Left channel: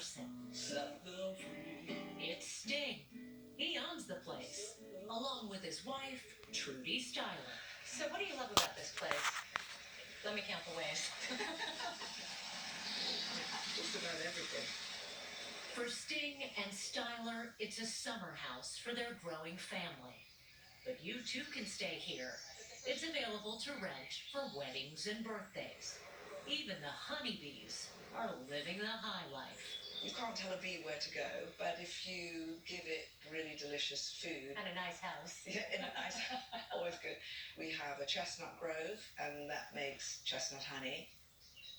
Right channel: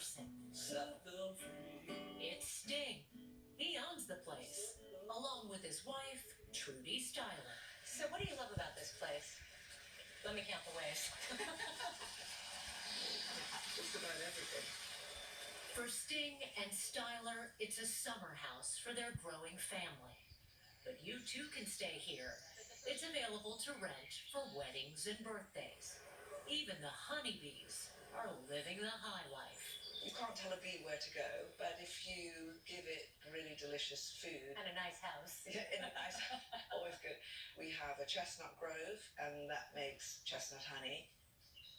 person. It's Sting. He owns the place, along with his wife, Trudy Styler. So what do you love about this place? Let me count the ways. Just about everything. For Sting and Styler, it's a summer house for their growing family. But you too can stay here. It's available to rent for weddings and birthdays. Even the honeybees are living the high life. You can't tell a bee where to go, but if you give it really delicious food And a nice house. yeah, in a nice, always good. We have a chestnut grove, and that makes chestnut honey.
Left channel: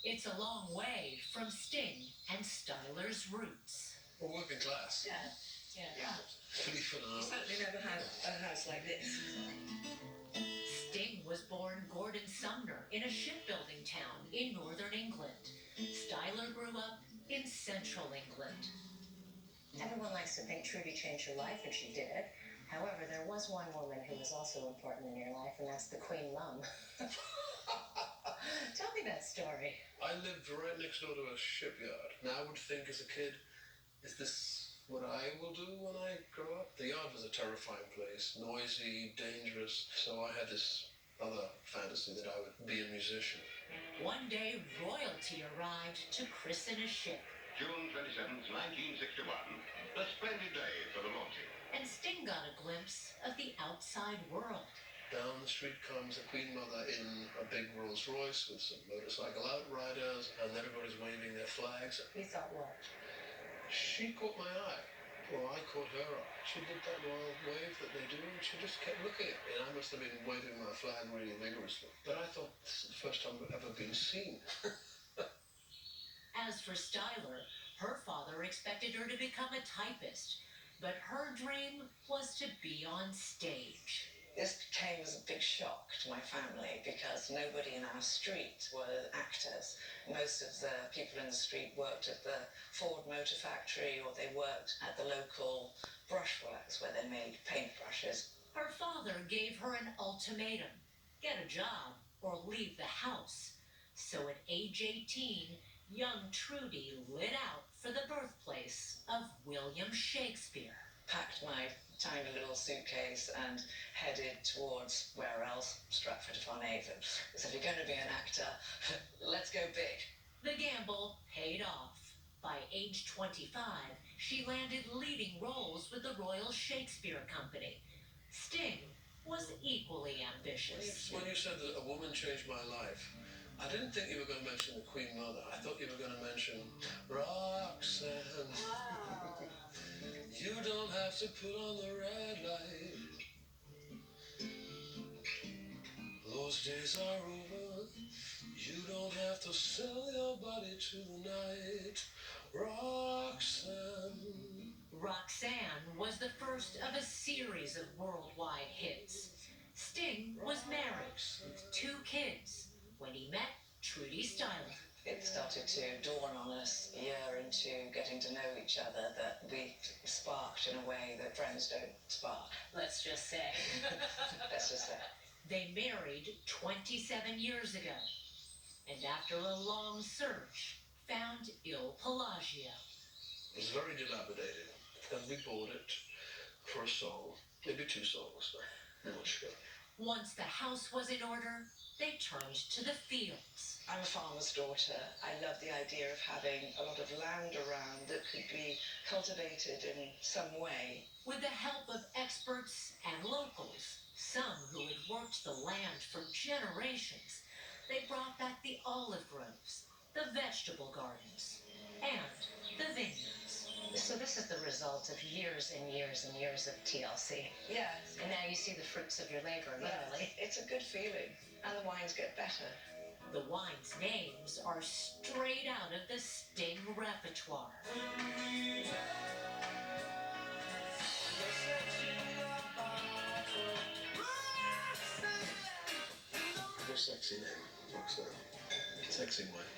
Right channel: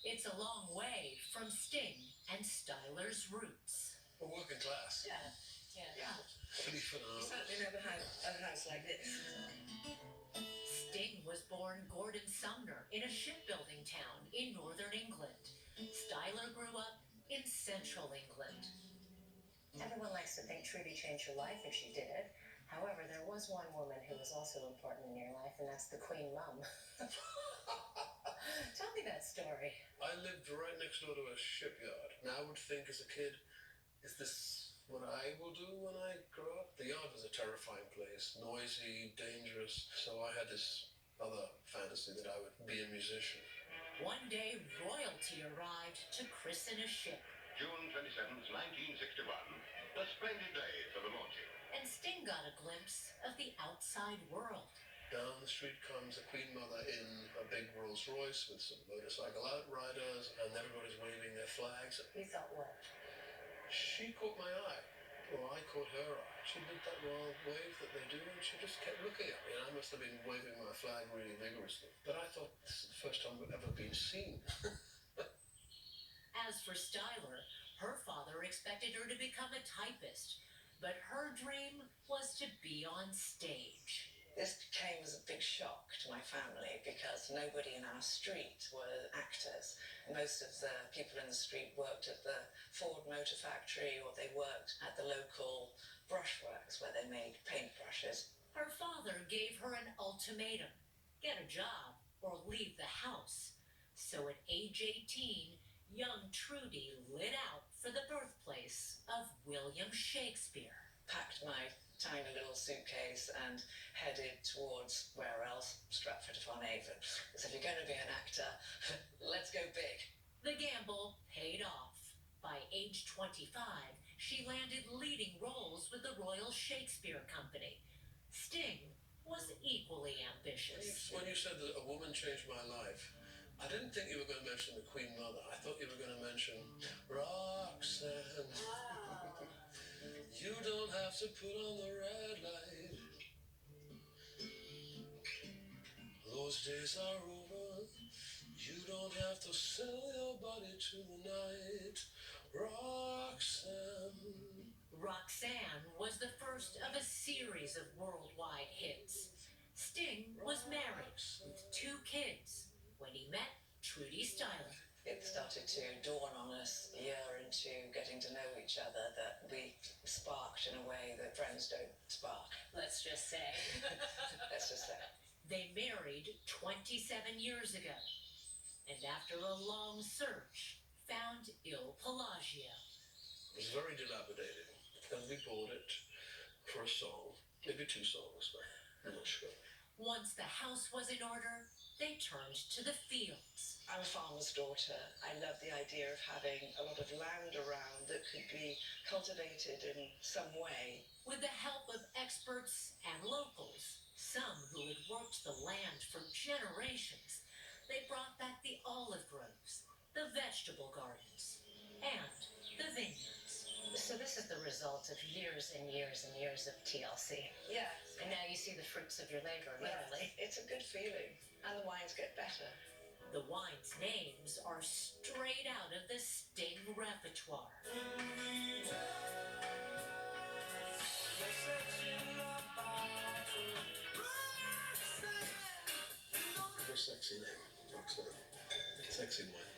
It's a long way from Sting and Styler's roots. We're working class. Yeah. Believe it or not. Certainly never had a house like this. Sting was born Gordon Sumner in a shipbuilding town in northern England. Styler grew up in central England. Everyone likes to think Trudy changed her life, and she did. However, there was one woman who was also important in your life, and that's the Queen Mum. Tell me that story. I lived right next door to a shipyard. Now I would think as a kid, is this what I will do when I grow up? The yard was a terrifying place, noisy, dangerous. So I had this other fantasy that I would be a musician. One day, royalty arrived to christen a ship, June 27th, 1961. A splendid day for the launching. and Sting got a glimpse of the outside world. Down the street comes the Queen Mother in a big Rolls Royce with some motorcycle outriders, and everybody's waving their flags. You thought what? She caught my eye, or I caught her eye. She did that wild wave that they do, and she just kept looking at me, and I must have been waving my flag really vigorously. But I thought, this is the first time I've ever been seen. As for Styler, her father expected her to become a typist, but her dream was to be on stage. This came as a big shock to my family because nobody in our street were actors. Most of the people in the street worked at the Ford Motor Factory, or they worked at the local brushworks where they made paintbrushes. Her father gave her an ultimatum: get a job or leave the house. So at age 18, young Trudy lit out for the birthplace of William Shakespeare. Packed my tiny little suitcase and headed towards, where else, Stratford-upon-Avon. So if you're going to be an actor, let's go big. The gamble paid off. By age 25, she landed leading roles with the Royal Shakespeare Company. Sting was equally ambitious. When you said that a woman changed my life, I didn't think you were going to mention the Queen Mother. I thought you were going to mention Roxanne. You don't have to put on the red light. Those days are over. You don't have to sell your body tonight. Roxanne. Roxanne was the first of a series of worldwide hits. Sting was married with 2 kids when he met Trudy Styler. It started to dawn on us a year into getting to know each other that we sparked in a way that friends don't spark. Let's just say. Let's just say. They married 27 years ago, and after a long search, found Il Pelagio. It was very dilapidated. Then we bought it for a song, maybe 2 songs, I'm not sure. Once the house was in order, they turned to the fields. I'm a farmer's daughter. I love the idea of having a lot of land around that could be cultivated in some way. With the help of experts and locals, some who had worked the land for generations, they brought back the olive groves, the vegetable gardens, and the vineyards. So this is the result of years and years and years of TLC. Yes. And now you see the fruits of your labor, literally. Yes. It's a good feeling. And the wines get better. The wines' names are straight out of the Sting repertoire. What a sexy name, Roxanne. Sexy wine.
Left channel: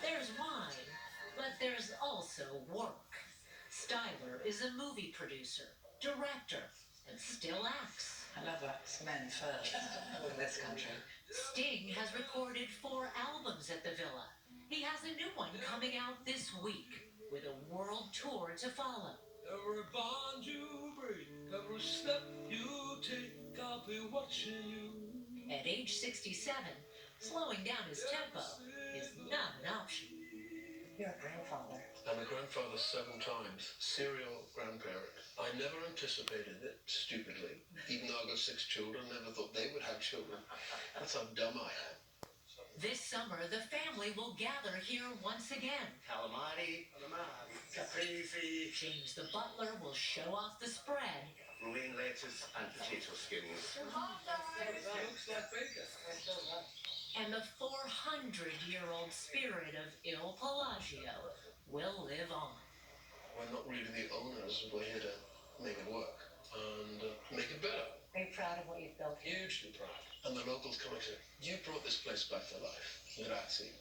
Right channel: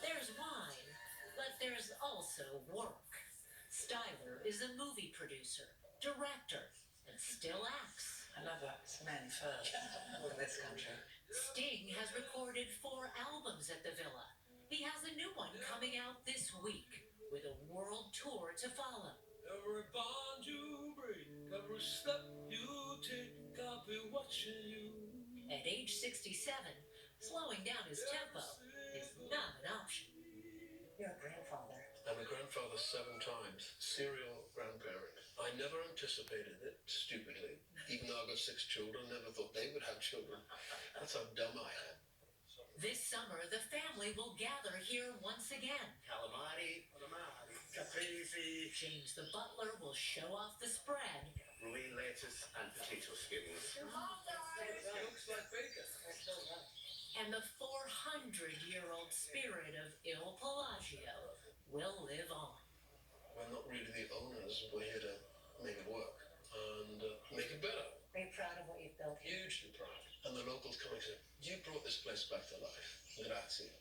There's wine, but there's also work. Styler is a movie producer, director, and still acts. I love us men first in this country. Sting has recorded 4 albums at the Villa. He has a new one coming out this week with a world tour to follow. Every bond you break, every step you take, I'll be watching you. At age 67, slowing down his tempo is not an option. You're a grandfather. I'm a grandfather 7 times, serial grandparent. I never anticipated it, stupidly. Even though I've got 6 children, never thought they would have children. That's how dumb I am. This summer, the family will gather here once again. Calamari, caprese, James the butler will show off the spread. romaine lettuce, and potato skins. Looks like bacon. And the 400-year-old spirit of Il Pelagio will live on. We're not really the owners. We're here to make it work and make it better. Are you proud of what you've built here? Hugely proud. And the locals come and say, you brought this place back to life. Grazie.